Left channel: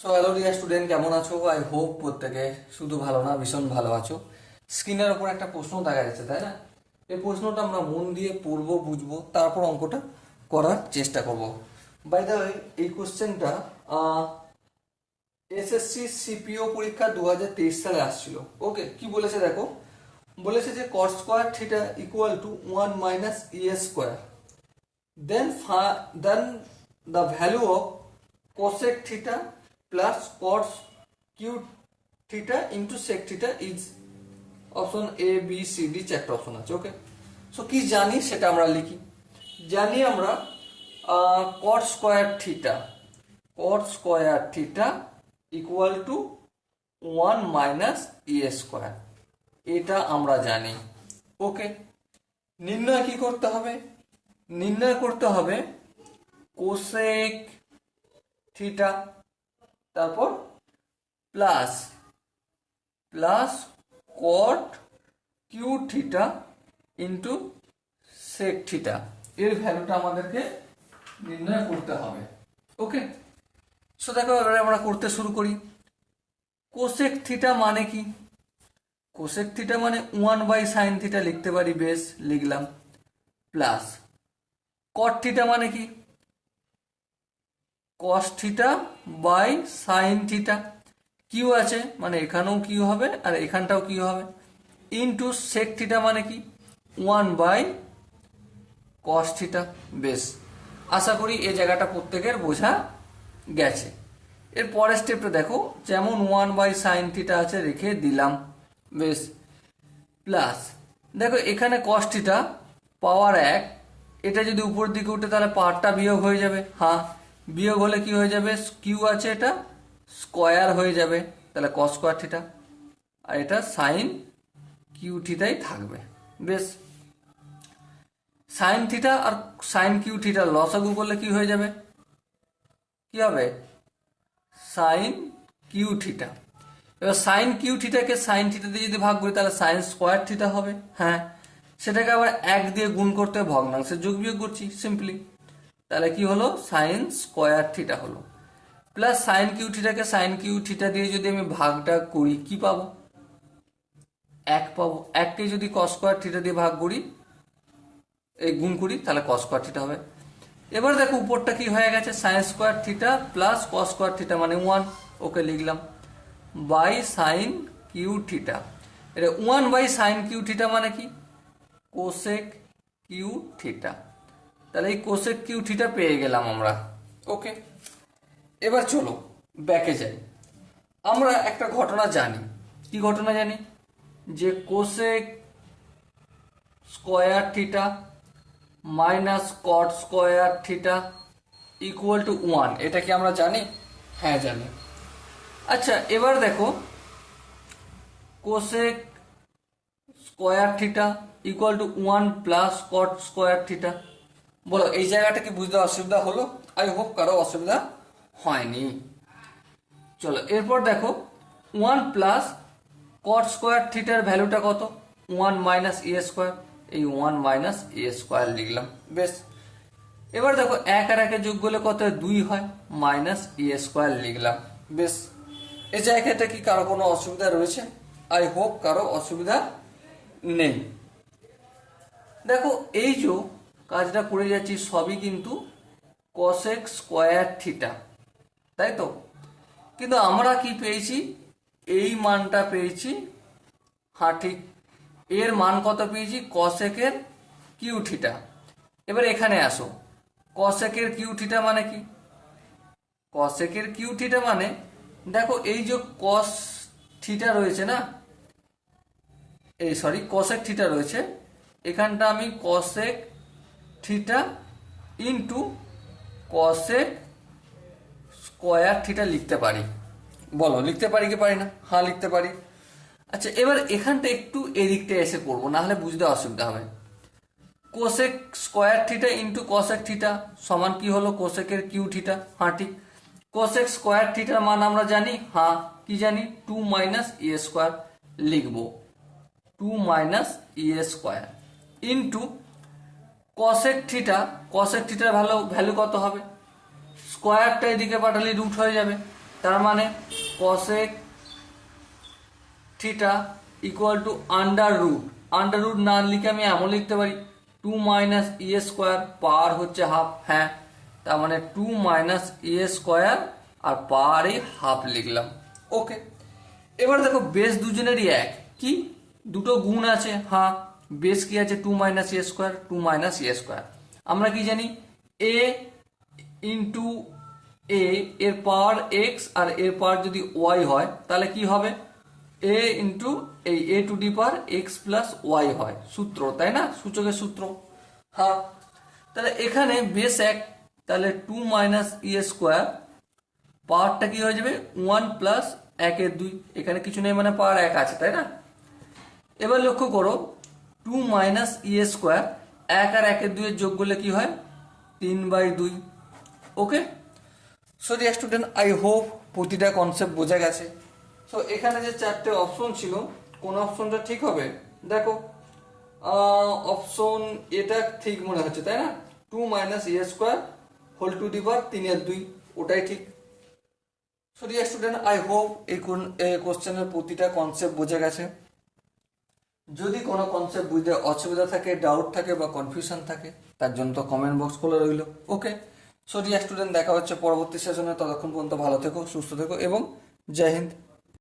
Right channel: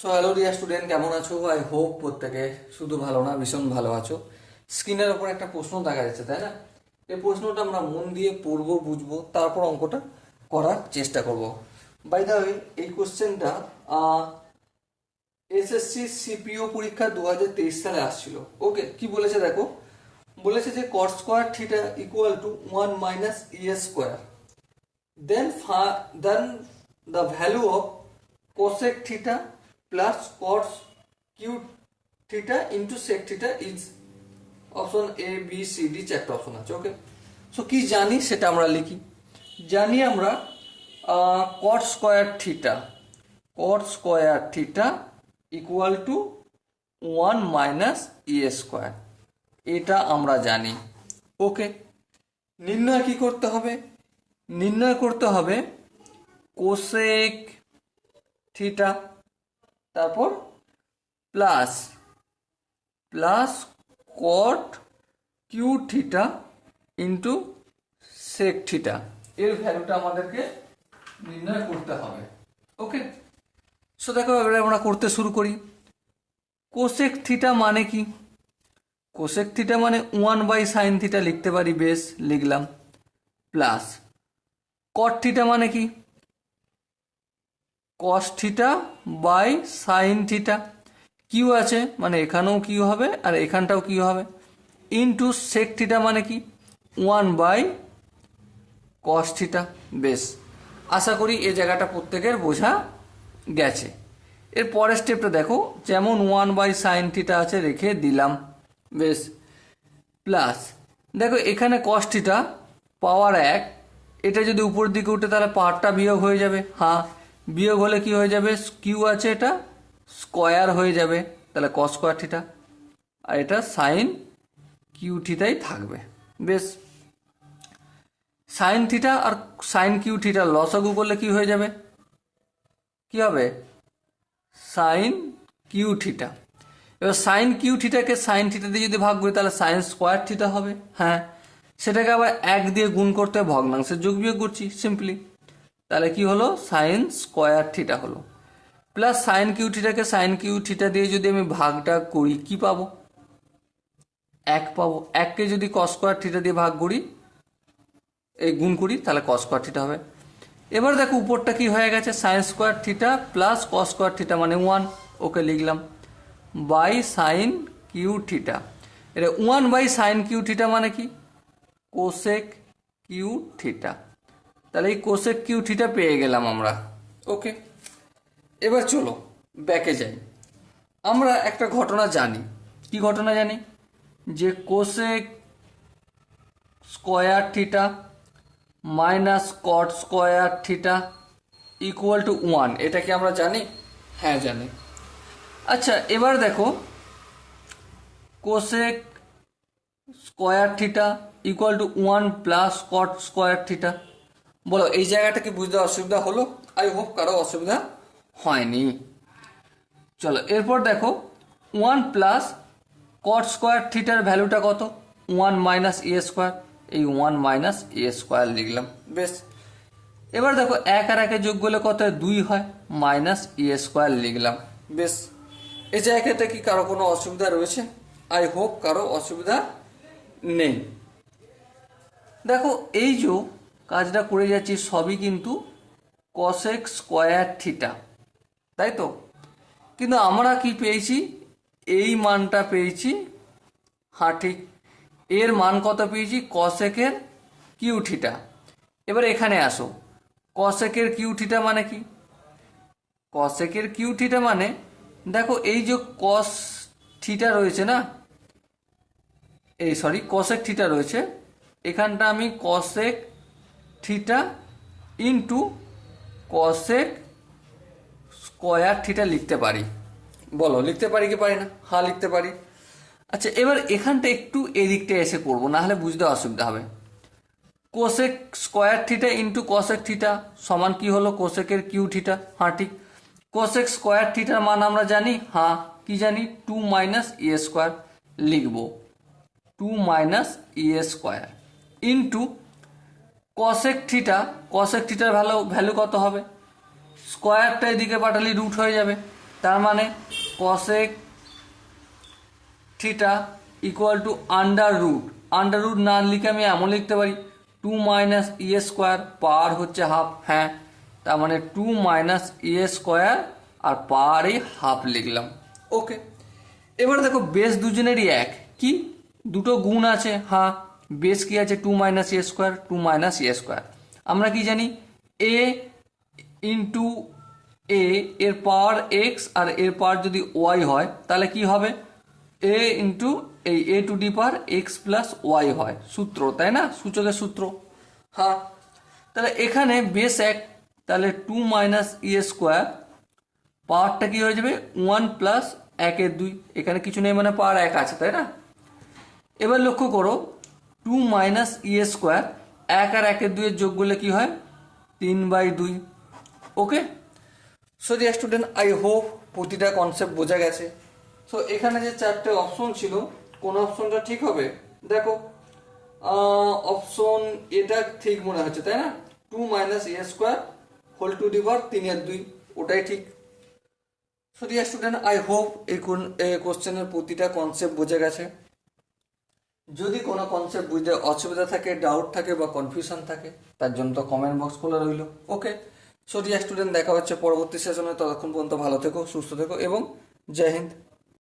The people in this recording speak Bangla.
সো হ্যালো ডিয়ার স্টুডেন্ট, কেমন আছো? আই হোপ প্রত্যেকে শুধু ভালো না, ভীষণ ভালো আছো। স্ক্রিনের ওপর একটা প্রশ্ন দেখা যাচ্ছে, তাই না? এই প্রশ্নটা আমরা মন দিয়ে পড়বো, বুঝবো, তারপর অঙ্কটা করার চেষ্টা করব। বাই দ্য ওয়ে, এই কোশ্চেনটা এসএসসি সিপিও পরীক্ষা 2023 সালে আসছিল। ওকে, কি বলেছে দেখো, বলেছে যে cot square theta equal two 1 - e² then the value of cosec theta plus cos q theta into sec theta is option a b c d, চারটা অপশন আছে। ওকে, সো কি জানি সেটা আমরা লিখি। জানি আমরা cot square theta equal two 1 - e², এটা আমরা জানি। ওকে, নির্ণয় কি করতে হবে? নির্ণয় করতে হবে কোসেক থিটা, তারপর plus plus cot q theta into sec theta, এর ভ্যালুটা আমাদেরকে নির্ণয় করতে হবে। ওকে, সো দেখো এবারে আমরা করতে শুরু করি। কোসেক থিটা মানে কি? কোসেক থিটা মানে 1/sin থিটা লিখতে পারি, বেশ লিখলাম। প্লাস কট থিটা মানে কি? Cos theta by sine theta, q আছে মানে এখানেও কিউ হবে আর এখানটাও কিউ হবে, ইন্টু সেক থিটা মানে কি? 1/cos theta. বেশ, আশা করি এই জায়গাটা প্রত্যেকের বোঝা গেছে। এর পরের স্টেপটা দেখো, যেমন 1/sin থিটা আছে রেখে দিলাম। বেশ, প্লাস দেখো এখানে cos থিটা পাওয়ার 1, এটা যদি উপর দিকে উঠে তাহলে পাওয়ারটা বিয়োগ হয়ে যাবে। হ্যাঁ, বিয়োগ হলে কি হয়ে যাবে? কিউ আছে, এটা স্কোয়ার হয়ে যাবে, তাহলে cos স্কোয়ার থিটা, আর এটা সাইন কিউ থিটাই থাকবে। বেশ, সাইন থিটা আর সাইন কিউ থিটা লসাগু করলে কি হয়ে যাবে? কি হবে? Sine Q theta. এবার সাইন কিউ থিটাকে সাইন থিটা দিয়ে যদি ভাগ করি তাহলে সাইন স্কোয়ার থিটা হবে। হ্যাঁ, সেটাকে আবার 1 দিয়ে গুণ করতে ভগ্নাংশের যোগ বিয়োগ করছি সিম্পলি, তাহলে কি হলো? সাইন স্কোয়ার থিটা হলো। প্লাস সাইন কিউ থিটাকে সাইন কিউ থিটা দিয়ে যদি আমি ভাগটা করি কি পাবো? 1 পাবো। 1কে যদি কস স্কোয়ার থিটা দিয়ে ভাগ করি, এই গুণ করি, তাহলে কস স্কোয়ার থিটা হবে। এবার দেখো উপরটা কি হয়ে গেছে? Sign square theta plus cos square theta মানে 1, ওকে লিখলাম, বাই সাইন কিউ থিটা। এটা 1/sin কিউ থিটা মানে কি? Cosec Q theta. তাহলে এই কোসেক কিউ থিটা পেয়ে গেলাম আমরা। ওকে, এবার চলো ব্যাকে যাই। আমরা একটা ঘটনা জানি। কি ঘটনা জানি? যে cosec square theta minus cot square theta equal two 1, এটা কি আমরা জানি? হ্যাঁ জানি। আচ্ছা, এবার দেখো cosec square theta equal two 1 plus cot square theta. বলো এই জায়গাটা কি বুঝতে অসুবিধা হলো? আই হোপ কারো অসুবিধা হয়নি। চলো এরপর দেখো 1 প্লাস কট স্কোয়ার থিটার ভ্যালুটা কত? 1 - e², এই 1 - e² লিখলাম। বেশ, এবার দেখো 1 আর 1 যোগ করলে কত হয়? 2 হয়, -e² লিখলাম। বেশ, এই জায়গাটা কি কারো কোনো অসুবিধা রয়েছে? আই হোপ কারো অসুবিধা নেই। দেখো এই যে কাজটা করে যাচ্ছি সবই কিন্তু কসেক স্কোয়ার থিটা, তাই তো? কিন্তু আমরা কি পেয়েছি? এই মানটা পেয়েছি। হ্যাঁ ঠিক, এর মান কত পেয়েছি? কসেকের কিউ থিটা। এবার এখানে আসো, কসেকের কিউ থিটা মানে কি? কসেকের কিউ থিটা মানে দেখো এই যে কস থিটা রয়েছে না, এই সরি কসেক থিটা রয়েছে, এখানটা আমি cosec theta into cosec square theta লিখতে পারি। বলো লিখতে পারি কি পারি না? হ্যাঁ লিখতে পারি। আচ্ছা, এবার এখানটা একটু এদিকটা এসে করবো, না হলে বুঝতে অসুবিধা হবে। Cosec square theta into cosec theta সমান কি হলো? কোসেকের কিউ থিটা। হ্যাঁ ঠিক, কোসেক স্কোয়ার থিটার মান আমরা জানি। হ্যাঁ, কি জানি? 2 - e² লিখবো, 2 - e² into cosec theta. Cosec থিটার ভ্যালু কত হবে? স্কোয়ারটা এদিকে পাঠালে রুট হয়ে যাবে, তার মানে cosec theta equal to under root না লিখে আমি এমন লিখতে পারি 2 মাইনাস ই স্কোয়ার, পাওয়ার হচ্ছে হাফ, হ্যাঁ, তার মানে 2 মাইনাস ই স্কোয়ার আর পাওয়ার এই হাফ লিখলাম। ওকে, এবার দেখো বেস দুজনেরই এক, কি দুটো গুণ আছে, হ্যাঁ, বেস কি আছে 2 minus e square, 2 minus e square. আমরা কি জানি এ ইন্টু এ এর পাওয়ার এক্স আর এর পাওয়ার যদি ওয়াই হয় তাহলে কি হবে এ ইন্টু এই A to the power X plus Y হয়, সূত্র, তাই না, সূচকের সূত্র। হ্যাঁ, তাহলে এখানে বেস এক, তাহলে 2 মাইনাস ই স্কোয়ার, পাওয়ারটা কি হয়ে যাবে 1 প্লাস 1/2, এখানে কিছু নেই মানে পাওয়ার 1 আছে, তাই না। এবার লক্ষ্য করো 2 মাইনাস ই স্কোয়ার, 1 আর 1/2 এর যোগ করলে কি হয় 3/2। Okay, so dear student, I hope প্রতিটা কনসেপ্ট বোঝা গেছে। সো এখানে যে চারটে অপশন ছিল, কোন অপশনটা ঠিক হবে, দেখো অপশন এটা ঠিক মনে হচ্ছে, তাই না, 2 minus e square whole to the power 3/2, ওটাই ঠিক। So dear student, I hope এই কোশ্চেনের প্রতিটা কনসেপ্ট বোঝা গেছে। যদি কোনো কনসেপ্ট বুঝতে অসুবিধা থাকে, ডাউট থাকে বা কনফিউশন থাকে, তার জন্য তো কমেন্ট বক্স খোলা রইল। ওকে, সো ডিয়ার স্টুডেন্ট, দেখা হচ্ছে পরবর্তী সেশনে, ততক্ষণ পর্যন্ত ভালো থেকো, সুস্থ থেকো এবং জয় হিন্দ।